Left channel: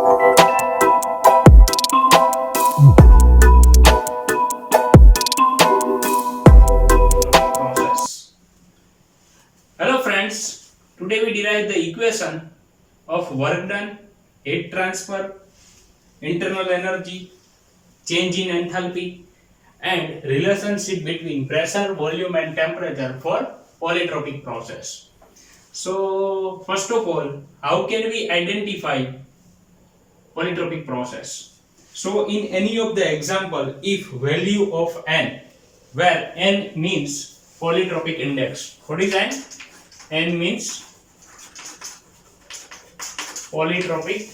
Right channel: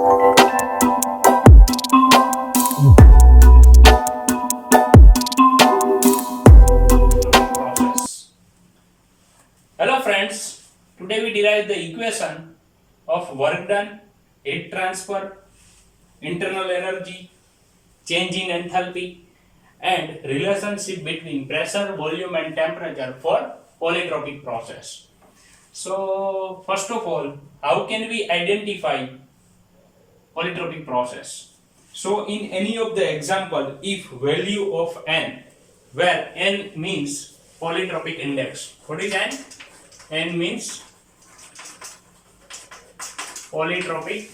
Process. Hello friends, today we derive the equation of work done, heat transfer, internal energy, change in enthalpy, and relationship between pressure, volume and temperature for polytropic process. So first of all, how can we identify polytropic process? So in any of the example, if value of n, where n means polytropic index, what is n? N means polytropic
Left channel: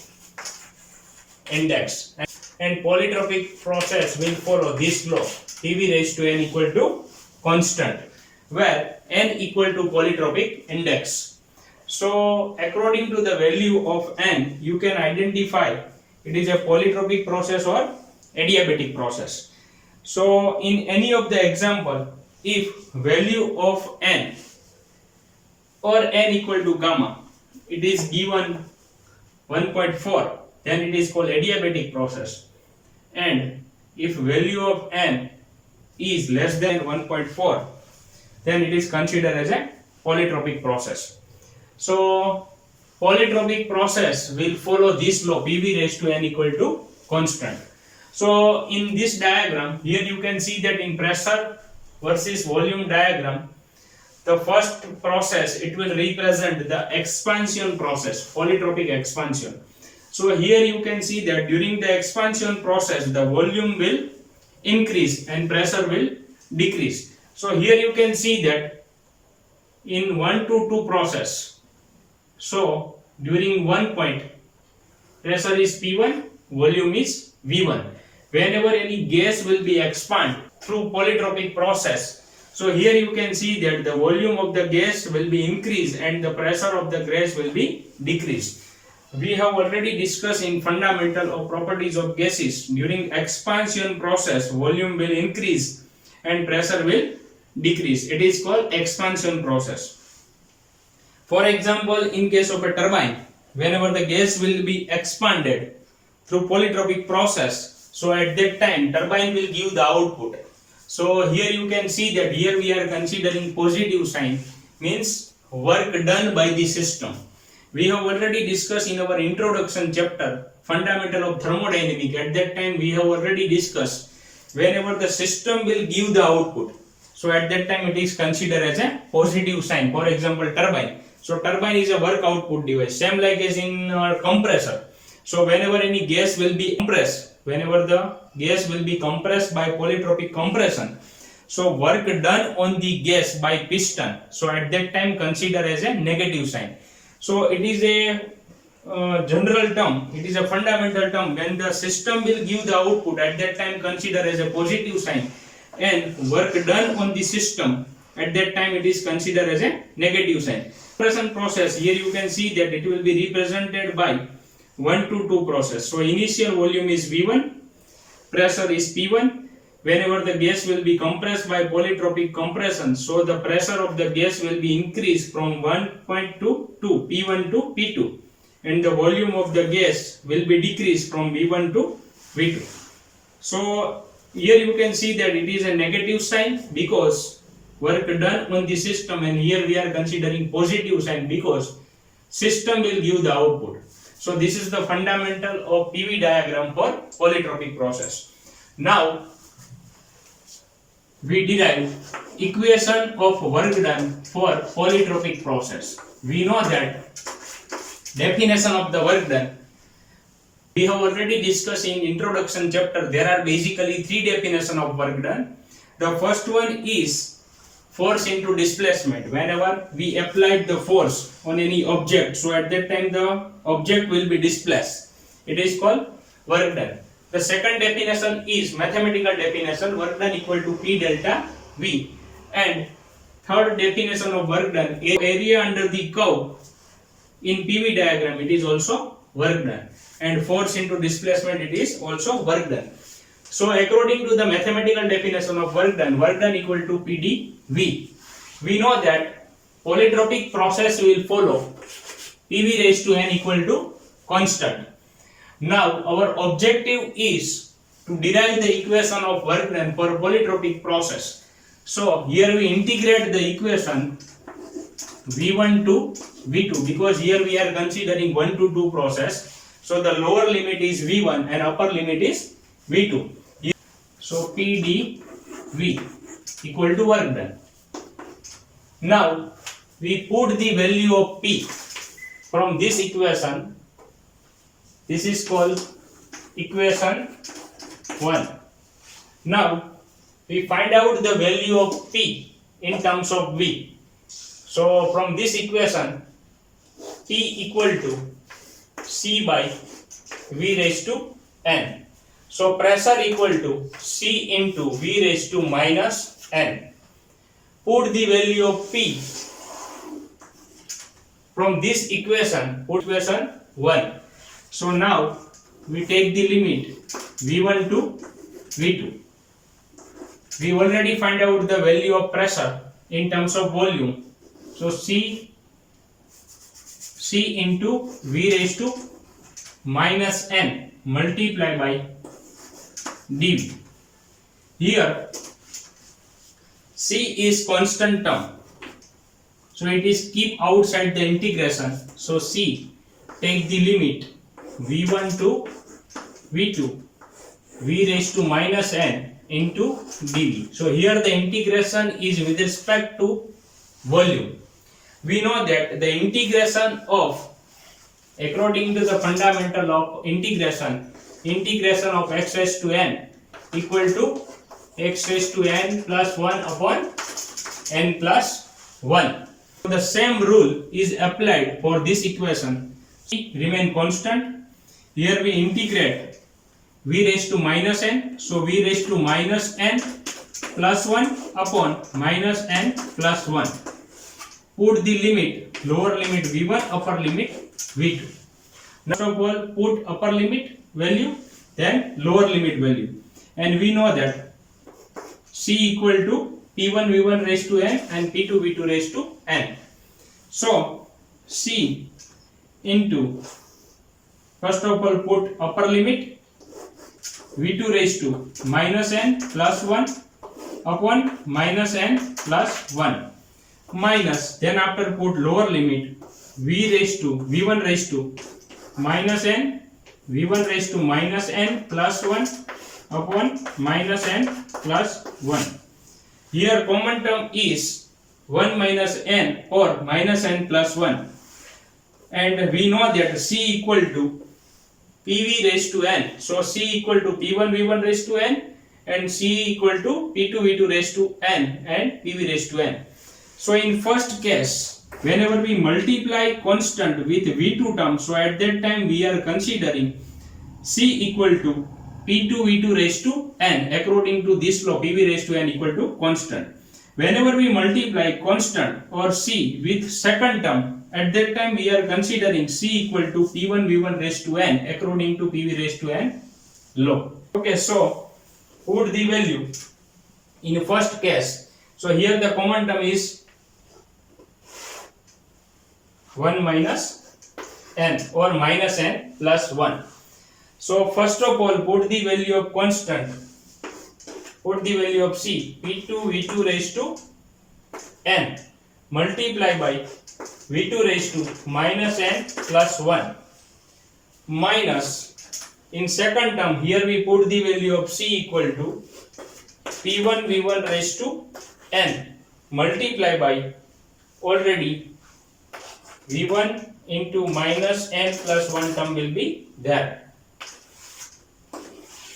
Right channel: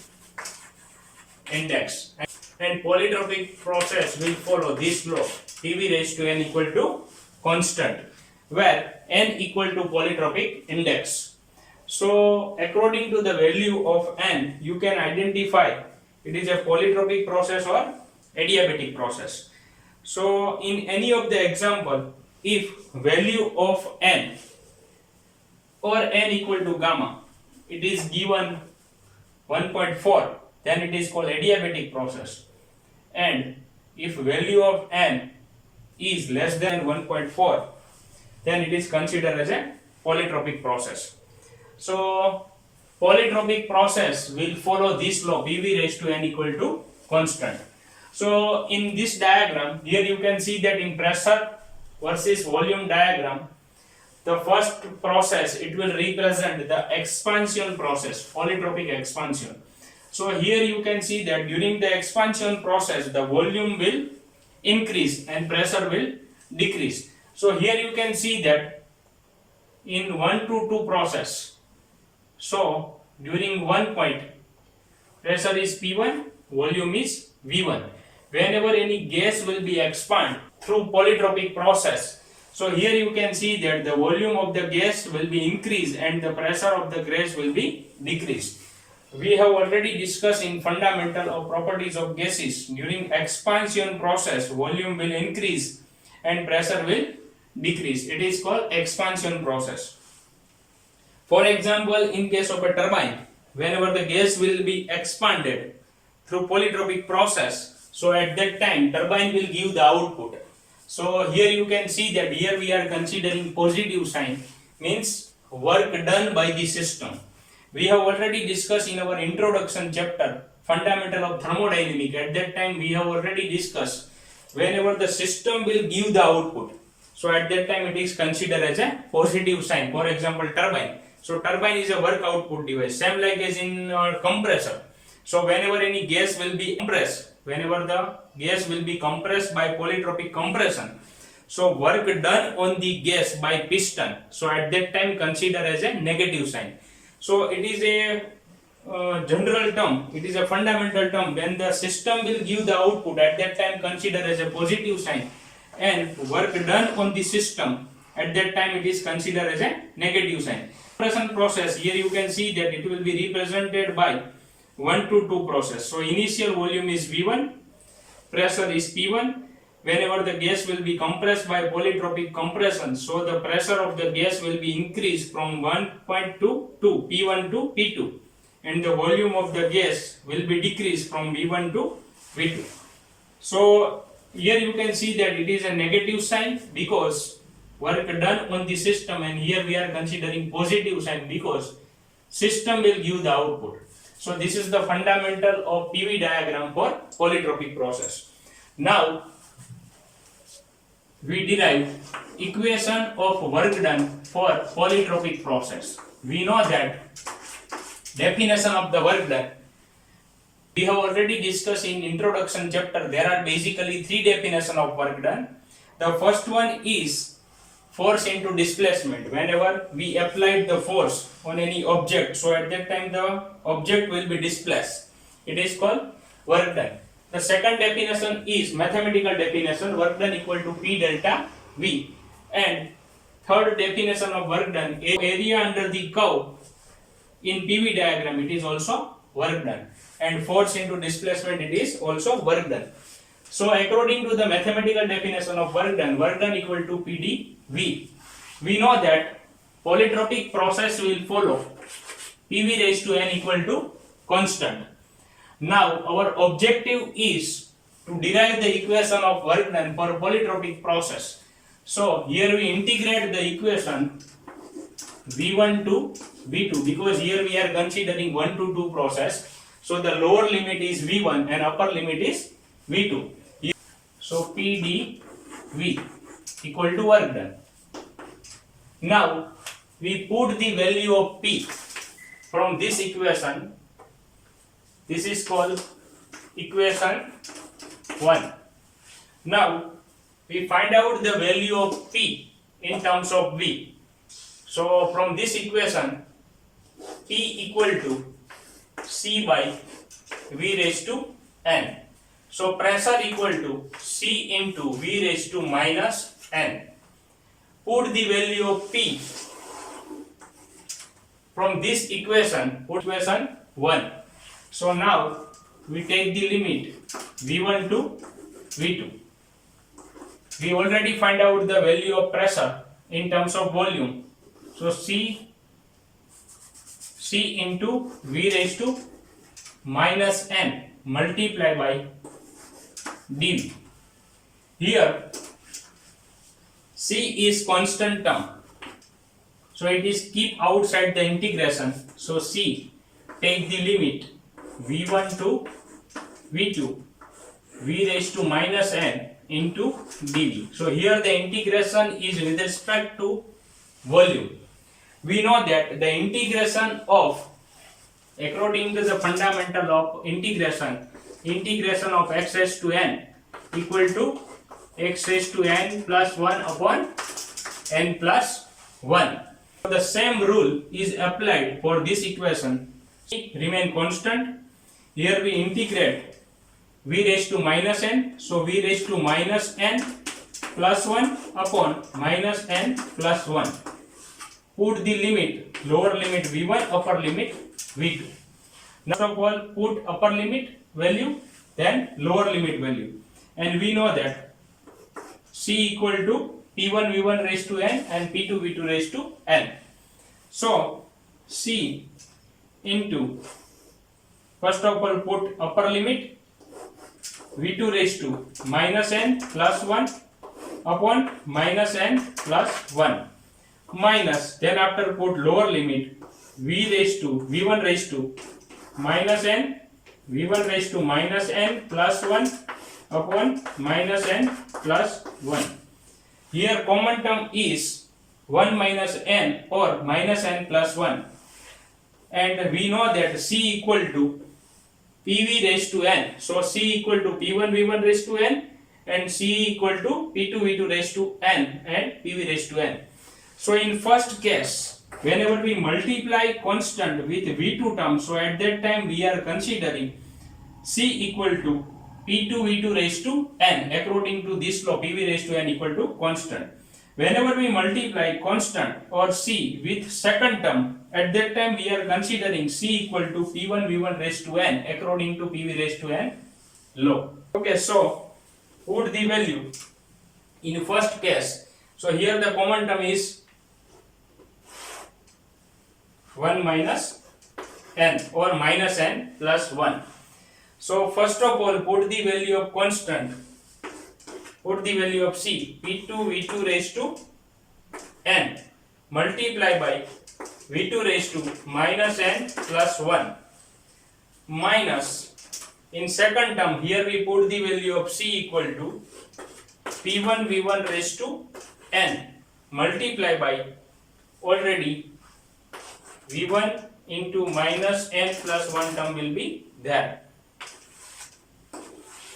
index, and polytropic process will follow this law, PV raised to n equal to constant, where n equal to polytropic index. So according to the value of n, you can identify it is a polytropic process or adiabatic process. So in any of the example, if value of n or n equal to gamma, it is given 1.4, then it is called adiabatic process. And if value of n is less than 1.4, then it is considered as a polytropic process. So polytropic process will follow this law, PV raised to n equal to constant. So in this diagram, here you can see that in pressure versus volume diagram, the first process, it will represent the expansion process, polytropic expansion. So here you can see that during the expansion process, the volume will increase and pressure will decrease. So here you can see that in 1 to 2 process, so during one point, pressure is P1, volume is V1. Whenever any gas will be expand through polytropic process, so here you can see that the volume of the gas will be increased and the pressure of the gas will be decreased. We have already discussed in fundamental of properties of gases, during expansion process volume will increase and pressure will decrease. It is called expansion process. For example, in case of a turbine, whenever the gas will be expanded through polytropic process, so at that time turbine will give the output. So here you can see that here we are considering positive sign, means work done by the system. We have already discussed in our introduction chapter, fundamental of thermodynamics. At that time we have already discussed whenever the system will give the output, so at that time it is considered as a positive sign. For example, turbine. So turbine is a work output device, same like as in compressor. So whenever any gas will be compressed, whenever the gas will be compressed by polytropic compression, so work done on the gas by piston, so at that time consider as a negative sign. So it is a general term, it is a fundamental term. When the system will give the output, at that time consider as a positive sign, and work done on the system, at that time it is considered as a negative sign. Compression process, here you can see that it will be represented by 1 to 2 process. So initial volume is V1, pressure is P1. Whenever the gas will be compressed by polytropic compression, so the pressure of the gas will be increased from 1.2 to P1 to P2, and the volume of the gas will be decreased from V1 to V2. So here you can see that it is a negative sign because work done on the system, and here we are considering positive sign because system will give the output. So this is the fundamental of PV diagram for polytropic process. Now we derive equation of work done for polytropic process. We know that definition of the work done, we have already discussed in introduction chapter. There are basically 3 definitions of work done. The first one is force into displacement. Whenever we applied the force on any object, so at that time the object will be displaced, it is called work done. The second definition is mathematical definition, work done equal to P delta V. And third definition of work done, area under the curve in PV diagram, it is also work done. And force into displacement, it is also work done. So according to the mathematical definition of work done equal to PdV. We know that polytropic process will follow PV raised to n equal to constant. Now our objective is to derive the equation of work done for polytropic process. So here we integrate the equation V1 to V2 because here we are considering 1 to 2 process. So the lower limit is V1 and upper limit is V2. So PdV equal to work done. Now we put the value of P from this equation. This is called equation 1. Now we find out the value of P in terms of V. So from this equation, P equal to C by V raised to N. So pressure equal to C into V raised to minus N. Put the value of P from this equation, put equation 1. So now we take the limit V1 to V2. We already find out the value of pressure in terms of volume. So C into V raised to minus N multiplied by dV. Here C is constant term. So it is keep outside the integration. So C take the limit V1 to V2 V raised to minus N into dV. So here the integration is with respect to volume. We know that the integration of, according to the fundamental of integration of x raised to n equal to x raised to n plus 1 upon n plus 1. So the same rule is applied for this equation. Remain constant. Here we integrate v raised to minus n. So v raised to minus n plus 1 upon minus n plus 1. Put the limit, lower limit v1, upper limit v2. Now first of all put upper limit value, then lower limit value. And we know that C equal to P1 v1 raised to n and P2 v2 raised to n. So C into, first of all put upper limit v2 raised to minus n plus 1 upon minus n plus 1 minus, then after put lower limit v1 raised to minus n v1 raised to minus n plus 1 upon minus n plus 1. Here common term is 1 minus n or minus n plus 1, and we know that C equal to PV raised to n. So C equal to P1 v1 raised to n and C equal to P2 v2 raised to n and PV raised to n. So in first case, whenever we multiply constant with v2 term, so at that time we are considering C equal to P2 v2 raised to n according to this law, PV raised to n equal to constant. Whenever we multiply constant or C with second term, at that time we are considering C equal to P1 v1 raised to n according to PV raised to n law. Okay, so put the value in first case. So here the common term is 1 minus n or minus n plus 1. So first of all put the value of constant, put the value of C, P2 v2 raised to n multiply by v2 raised to minus n plus 1 minus, in second term here we put the value of C equal to P1 v1 raised to n multiply by already v1 into minus n plus 1 term will be there.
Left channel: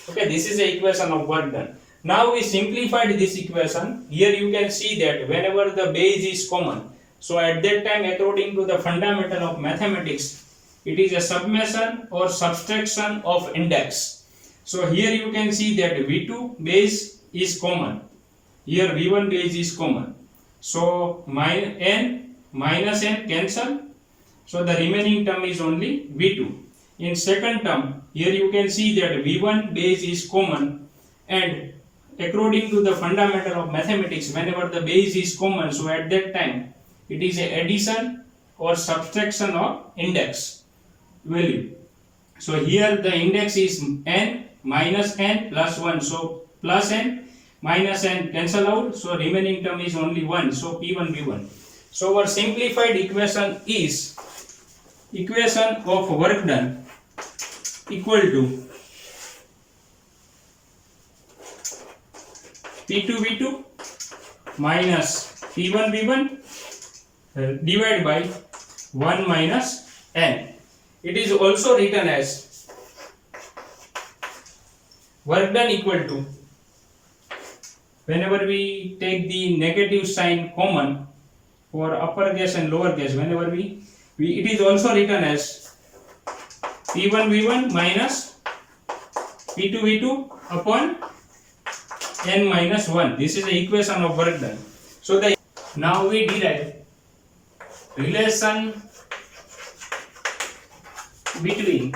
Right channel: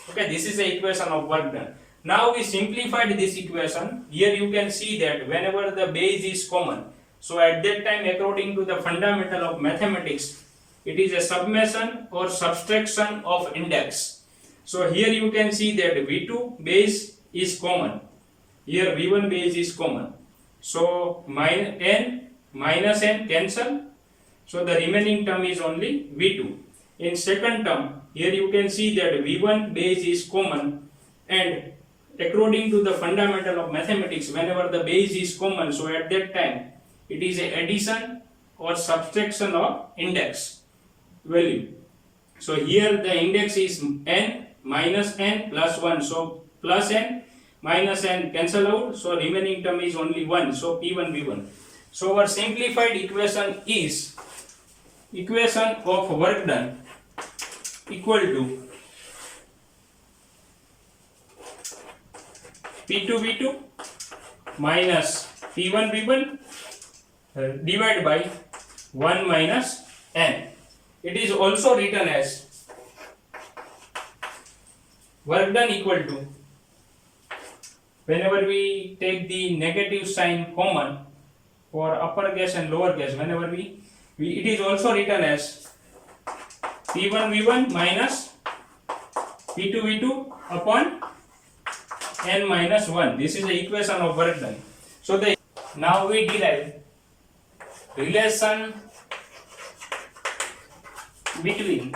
Okay, this is the equation of work done. Now we simplified this equation. Here you can see that whenever the base is common, so at that time according to the fundamental of mathematics, it is a summation or subtraction of index. So here you can see that v2 base is common, here v1 base is common. So minus n cancel, so the remaining term is only v2. In second term, here you can see that v1 base is common, and according to the fundamental of mathematics, whenever the base is common, so at that time it is a addition or subtraction of index value. So here the index is n minus n plus 1. So plus n minus n cancel out. So remaining term is only 1. So P1 V1. So our simplified equation is equation of work done equal to P2 V2 minus P1 V1 divided by 1 minus n. It is also written as work done equal to, whenever we take the negative sign common for upper case and lower case, whenever we it is also written as P1 V1 minus P2 V2 upon n minus 1. This is the equation of work done. So now we derive relation between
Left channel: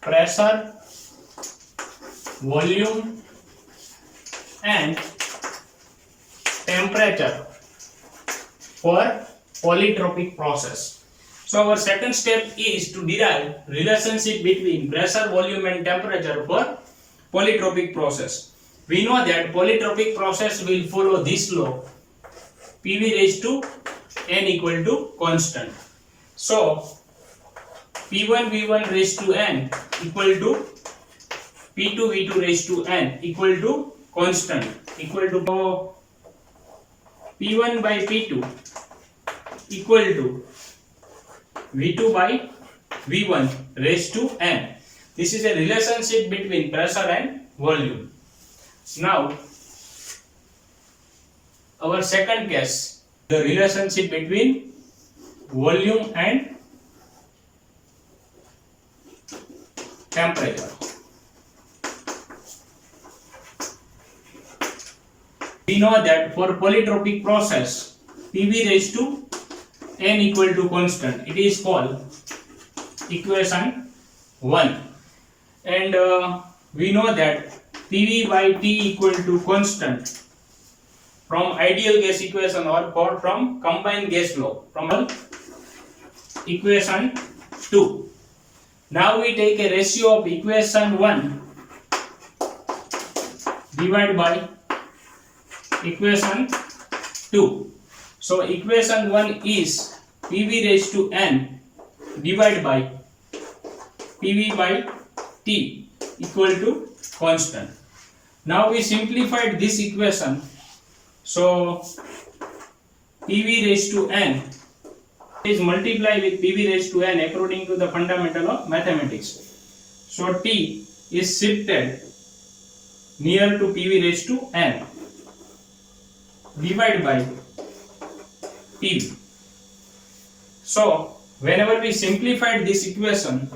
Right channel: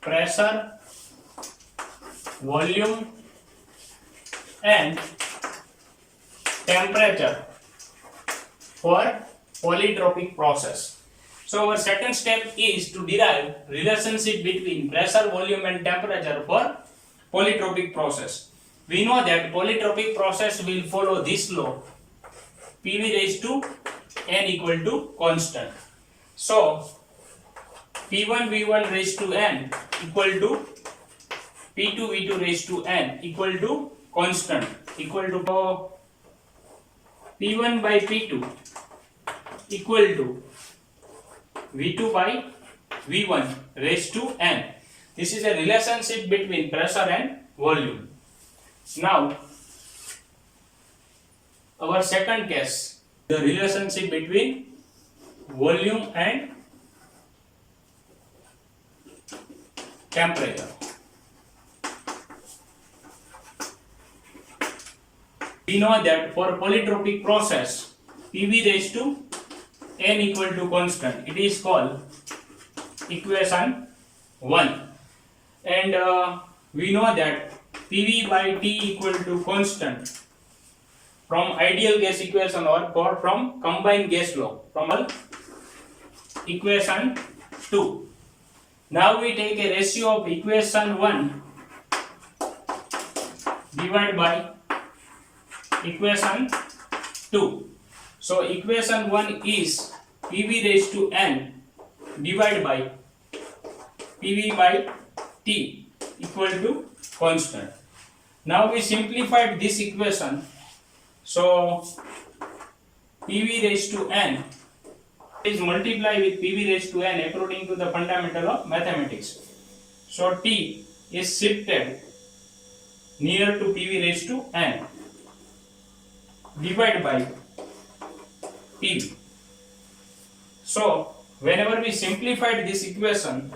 pressure, volume and temperature for polytropic process. So our second step is to derive relationship between pressure, volume and temperature for polytropic process. We know that polytropic process will follow this law, PV raised to n equal to constant. So P1 V1 raised to n equal to P2 V2 raised to n equal to constant, equal to P1 by P2 equal to V2 by V1 raised to n. This is a relationship between pressure and volume. Now our second case, the relationship between volume and temperature. We know that for polytropic process, PV raised to n equal to constant, it is called equation 1. And we know that PV by T equal to constant from ideal gas equation or from combined gas law, from equation 2. Now we take a ratio of equation 1 divided by equation 2. So equation 1 is PV raised to n divided by PV by T equal to constant. Now we simplified this equation. So PV raised to n is multiplied with PV raised to n according to the fundamental of mathematics. So T is shifted near to PV raised to n divided by PV. So whenever we simplified this equation,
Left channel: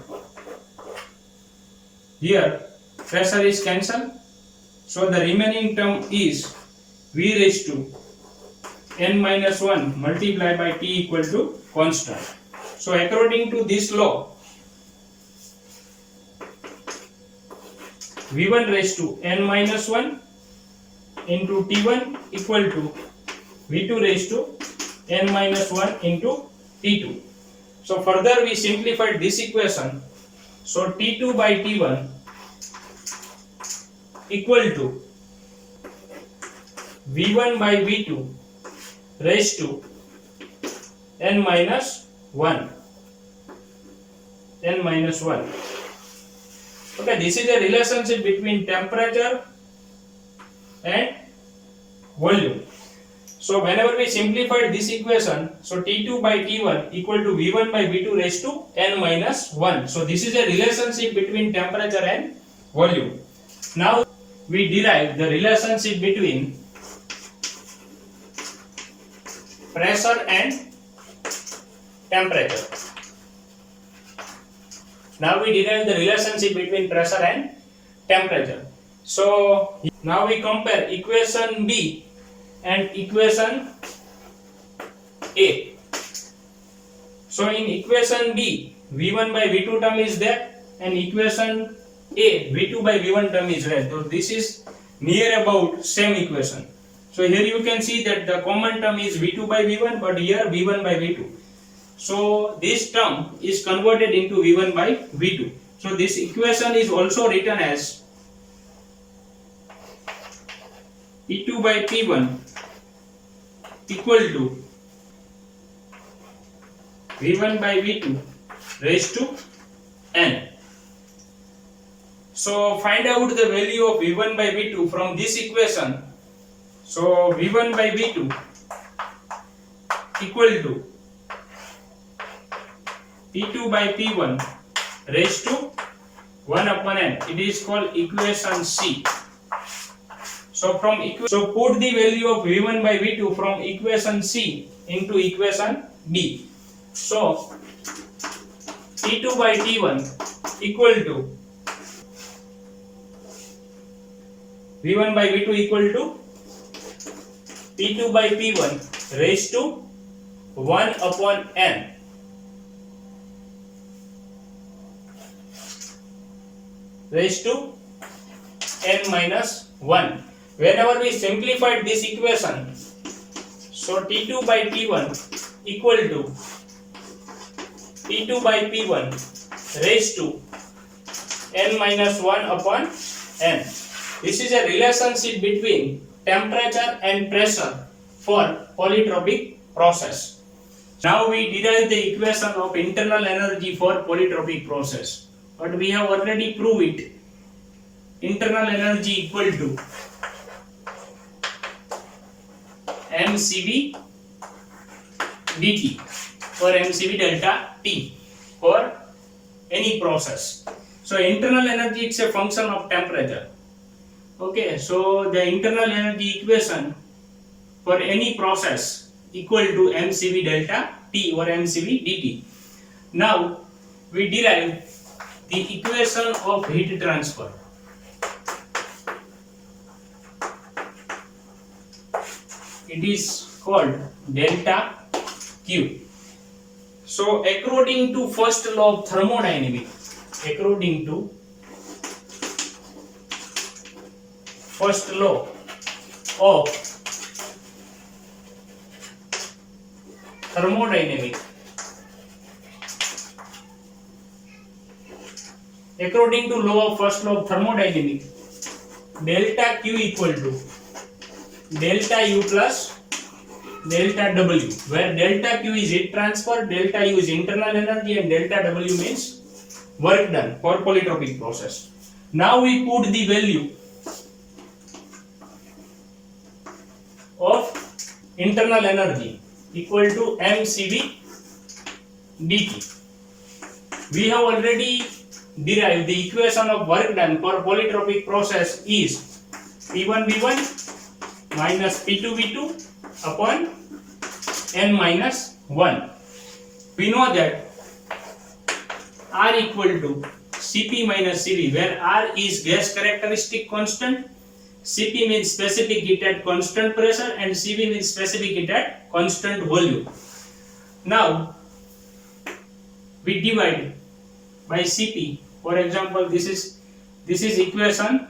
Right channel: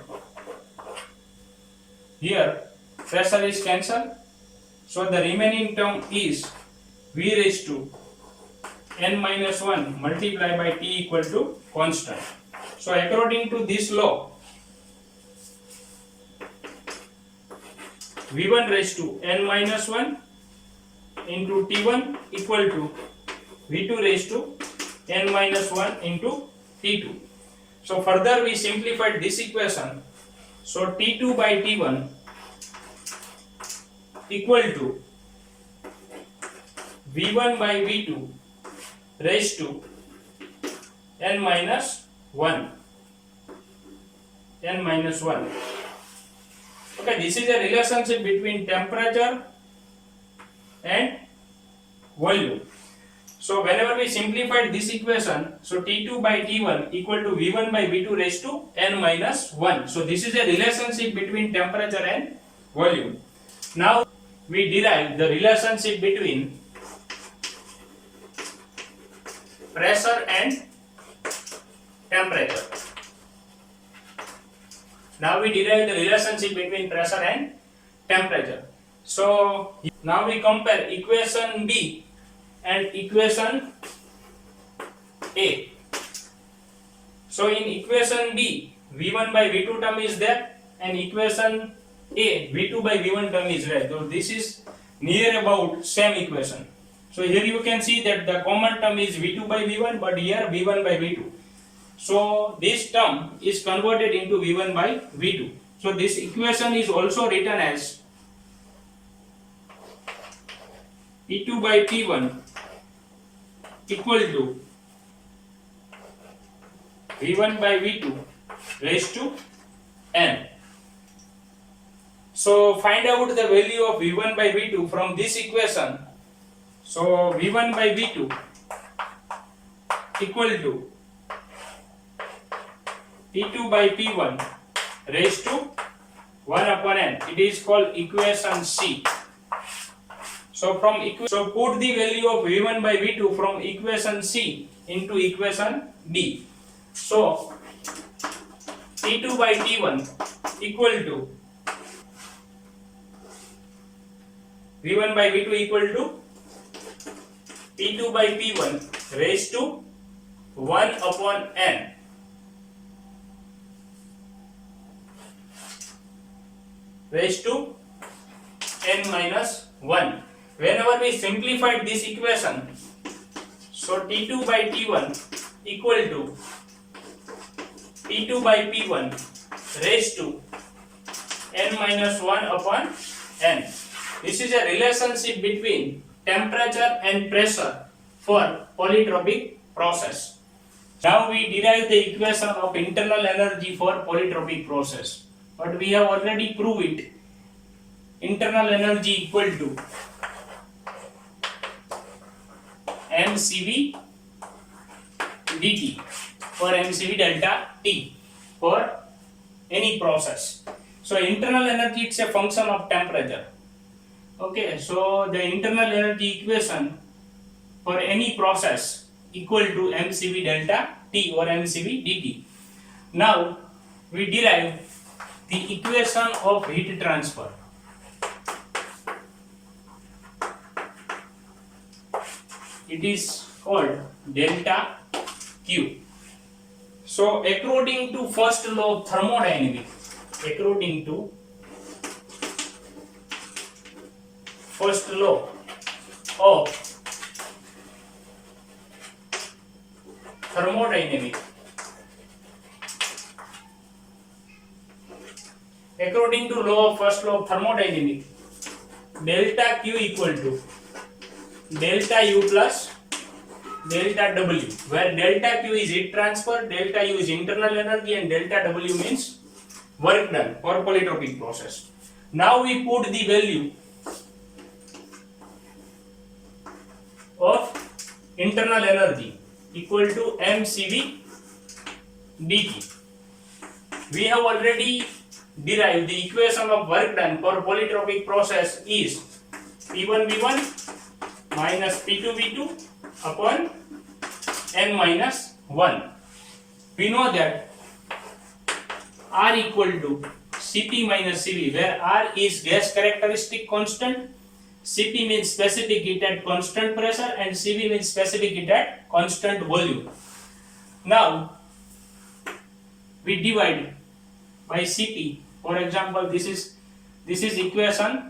here pressure is cancelled. So the remaining term is V raised to n minus 1 multiplied by T equal to constant. So according to this law, V1 raised to n minus 1 into T1 equal to V2 raised to n minus 1 into T2. So further we simplified this equation. So T2 by T1 equal to V1 by V2 raised to n minus 1. Okay, this is a relationship between temperature and volume. So whenever we simplified this equation, so T2 by T1 equal to V1 by V2 raised to n minus 1. So this is a relationship between temperature and volume. Now we derive the relationship between pressure and temperature. Now we derive the relationship between pressure and temperature. So now we compare equation B and equation A. So in equation B, V1 by V2 term is there, and equation A, V2 by V1 term is there. So this is near about same equation. So here you can see that the common term is V2 by V1, but here V1 by V2. So this term is converted into V1 by V2. So this equation is also written as P2 by P1 equal to V1 by V2 raised to n. So find out the value of V1 by V2 from this equation. So V1 by V2 equal to P2 by P1 raised to 1 upon n. It is called equation C. So put the value of V1 by V2 from equation C into equation D. So T2 by T1 equal to V1 by V2 equal to P2 by P1 raised to 1 upon n. Raised to n minus 1. Whenever we simplified this equation, so T2 by T1 equal to P2 by P1 raised to n minus 1 upon n. This is a relationship between temperature and pressure for polytropic process. Now we derive the equation of internal energy for polytropic process. But we have already proved it. Internal energy equal to mCv dt or mCv delta T for any process. So internal energy, it's a function of temperature. Okay, so the internal energy equation for any process equal to mCv delta T or mCv dt. Now we derive the equation of heat transfer. It is called delta Q. So according to first law of thermodynamics, first law of thermodynamics, according to first law of thermodynamics, delta Q equal to delta U plus delta W, where delta Q is heat transfer, delta U is internal energy, and delta W means work done for polytropic process. Now we put the value of internal energy equal to mCv dt. We have already derived the equation of work done for polytropic process is P1V1 minus P2V2 upon n minus 1. We know that R equal to Cp minus Cv, where R is gas characteristic constant, Cp means specific heat at constant pressure, and Cv means specific heat at constant volume. Now we divide by Cp. For example, this is equation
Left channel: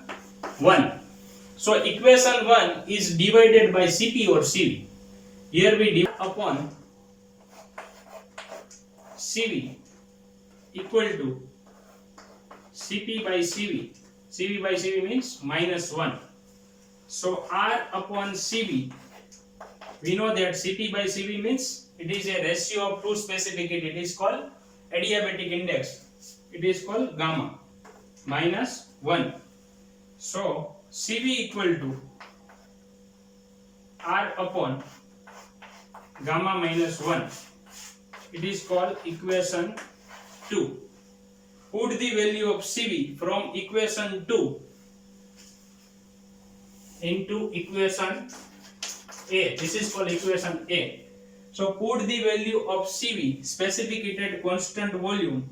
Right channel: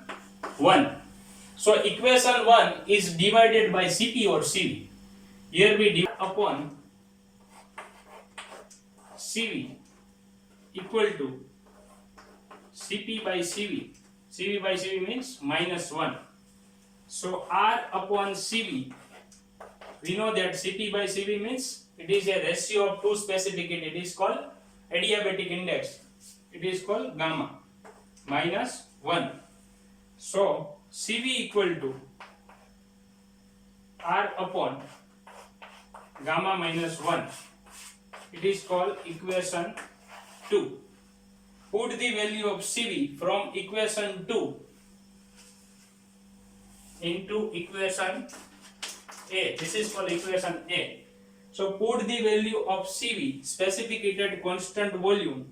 1. So equation 1 is divided by Cp or Cv. Here we divide upon Cv equal to Cp by Cv. Cv by Cv means minus 1. So R upon Cv, we know that Cp by Cv means it is a ratio of two specific heat. It is called adiabatic index. It is called gamma minus 1. So Cv equal to R upon gamma minus 1. It is called equation 2. Put the value of Cv from equation 2 into equation A. This is called equation A. So put the value of Cv, specific heat at constant volume,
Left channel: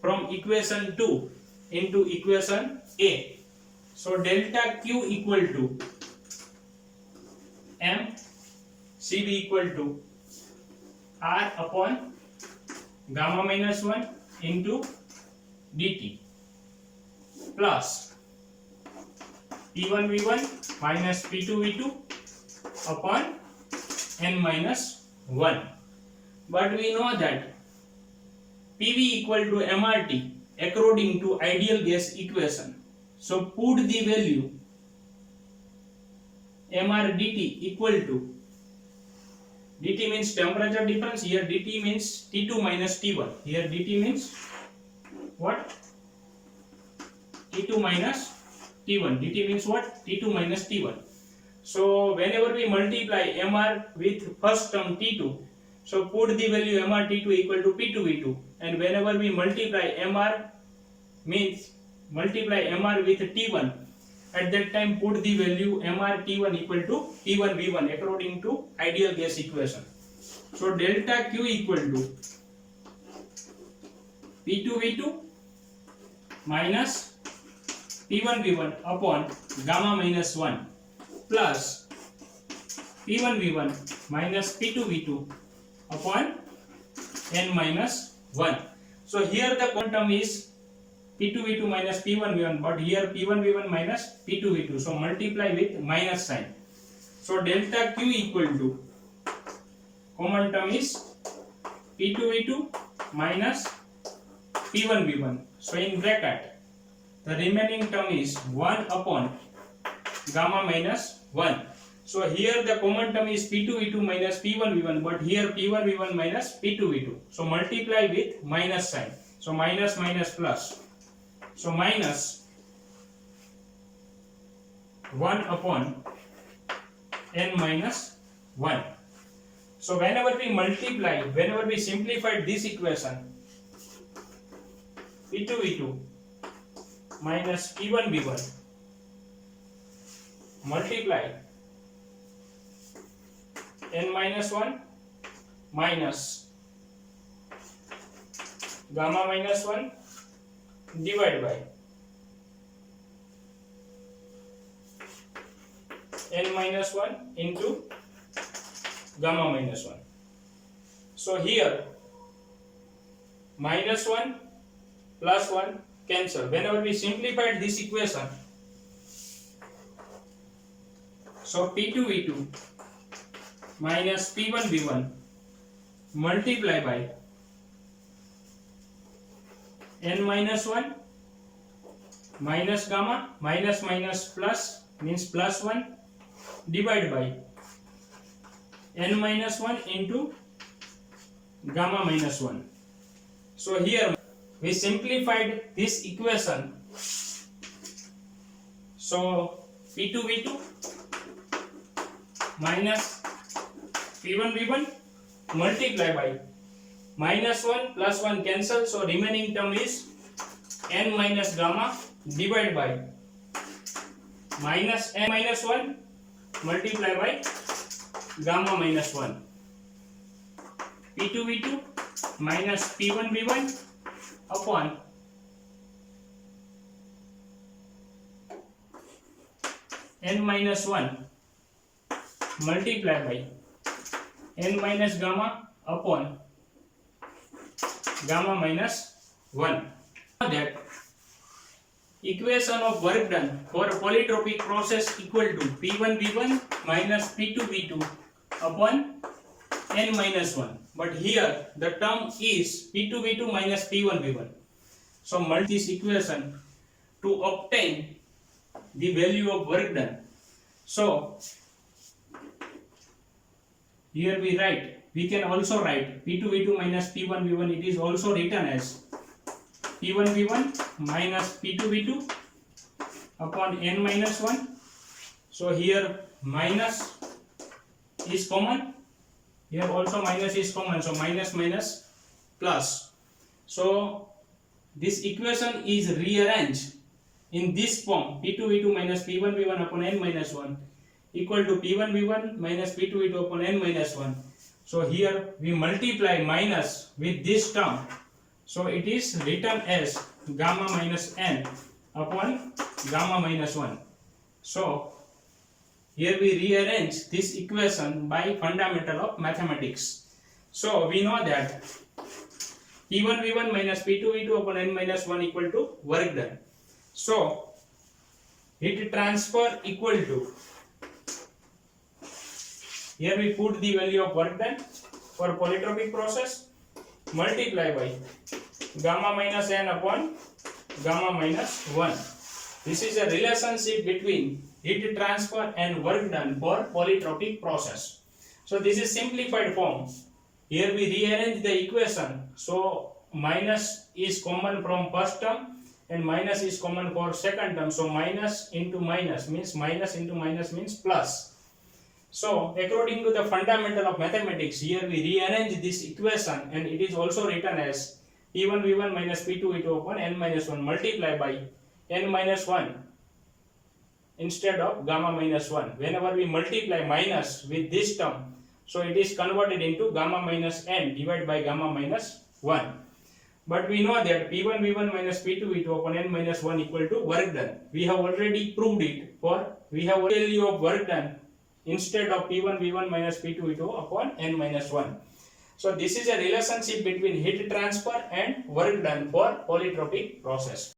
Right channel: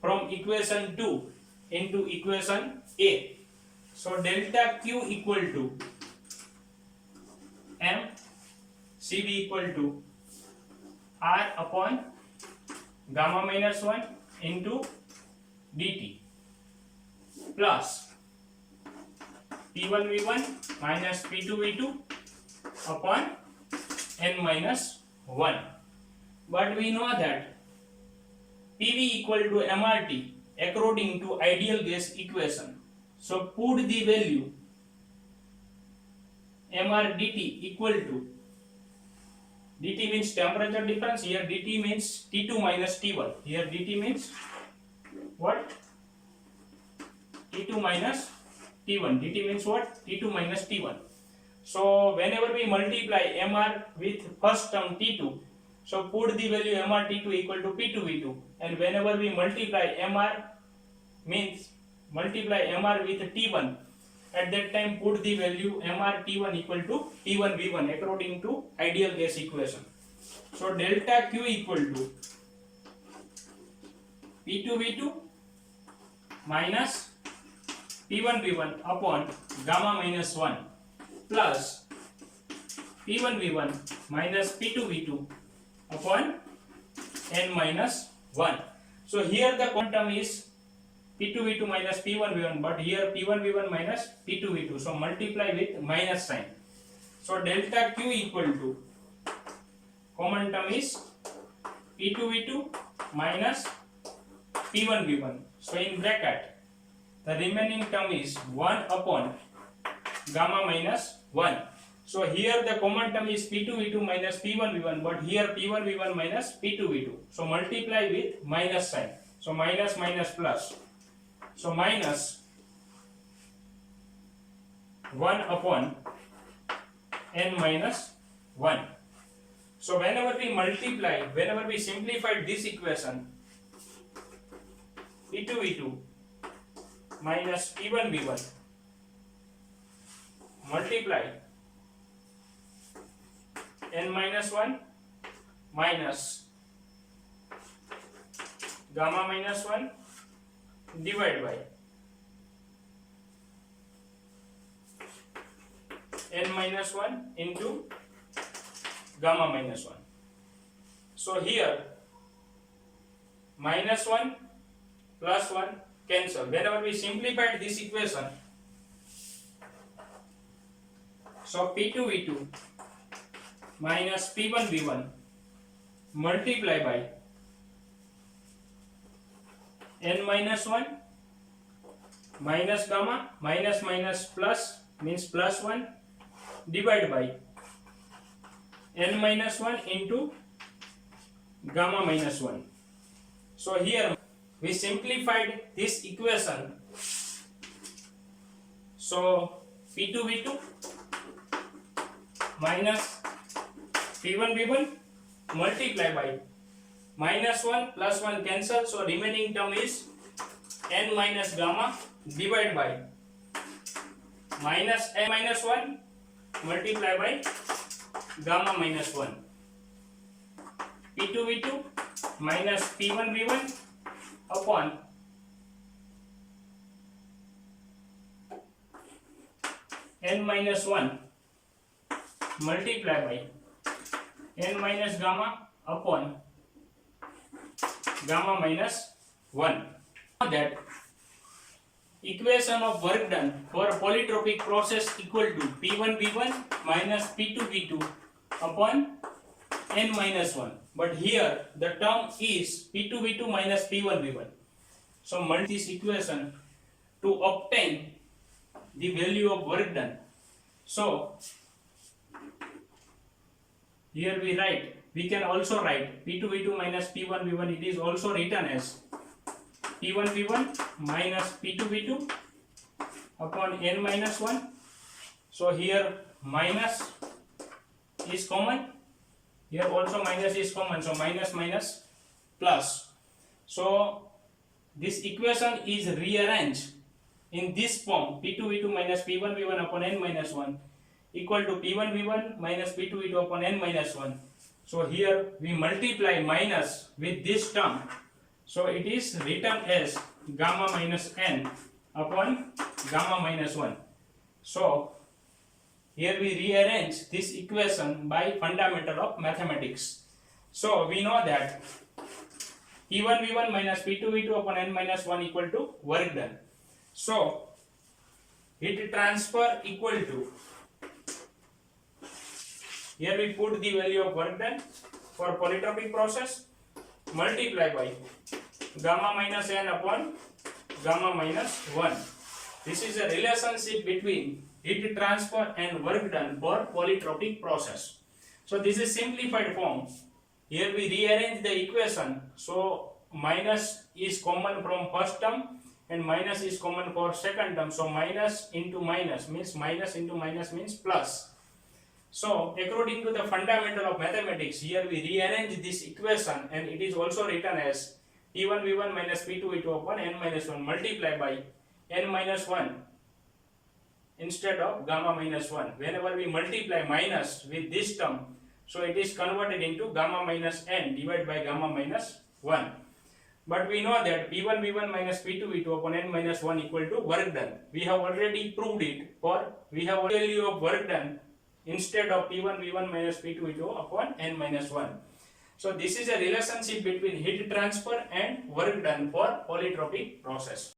from equation 2 into equation A. So delta Q equal to m Cv equal to R upon gamma minus 1 into dt plus P1V1 minus P2V2 upon n minus 1. But we know that PV equal to MRT according to ideal gas equation. So put the value MR dt equal to, dt means temperature difference, here dt means T2 minus T1. Here dt means what? T2 minus T1. dt means what? T2 minus T1. So whenever we multiply MR with first term T2, so put the value MR T2 equal to P2V2, and whenever we multiply MR means multiply MR with T1, at that time put the value MR T1 equal to T1V1 according to ideal gas equation. So delta Q equal to P2V2 minus P1V1 upon gamma minus 1 plus P1V1 minus P2V2 upon n minus 1. So here the quantum is P2V2 minus P1V1, but here P1V1 minus P2V2. So multiply with minus sign. So delta Q equal to, common term is P2V2 minus P1V1. So in bracket, the remaining term is 1 upon gamma minus 1. So here the common term is P2V2 minus P1V1, but here P1V1 minus P2V2. So multiply with minus sign. So minus minus plus. So minus 1 upon n minus 1. So whenever we multiply, whenever we simplify this equation, P2V2 minus P1V1 multiply n minus 1 minus gamma minus 1 divide by n minus 1 into gamma minus 1. So here minus 1 plus 1 cancel. Whenever we simplified this equation, so P2V2 minus P1V1 multiply by n minus 1 minus gamma, minus minus plus means plus 1, divide by n minus 1 into gamma minus 1. So here we simplified this equation. So P2V2 minus P1V1 multiply by minus 1 plus 1 cancel, so remaining term is n minus gamma divide by minus n minus 1 multiply by gamma minus 1. P2V2 minus P1V1 upon n minus 1 multiply by n minus gamma upon gamma minus 1. Now that equation of work done for a polytropic process equal to P1V1 minus P2V2 upon n minus 1. But here the term is P2V2 minus P1V1. So multiply this equation to obtain the value of work done. So here we can also write P2V2 minus P1V1. It is also written as P1V1 minus P2V2 upon n minus 1. So here minus is common, here also minus is common, so minus minus plus. So this equation is rearranged in this form, P2V2 minus P1V1 upon n minus 1 equal to P1V1 minus P2V2 upon n minus 1. So here we multiply minus with this term, so it is written as gamma minus n upon gamma minus 1. So here we rearrange this equation by fundamental of mathematics. So we know that P1V1 minus P2V2 upon n minus 1 equal to work done. So heat transfer equal to Here we put the value of work done for polytropic process, multiply by gamma minus n upon gamma minus 1. This is a relationship between heat transfer and work done for polytropic process. So this is simplified form. Here we rearrange the equation. So minus is common from first term and minus is common for second term. So minus into minus means minus into minus means plus. So according to the fundamental of mathematics, here we rearrange this equation and it is also written as P1 V1 minus P2 V2 upon n minus 1 multiply by n minus 1 instead of gamma minus 1. Whenever we multiply minus with this term, so it is converted into gamma minus n divided by gamma minus 1. But we know that P1 V1 minus P2 V2 upon n minus 1 equal to work done. We have already proved it, for we have value of work done instead of P1 V1 minus P2 V2 upon n minus 1. So this is a relationship between heat transfer and work done for polytropic process.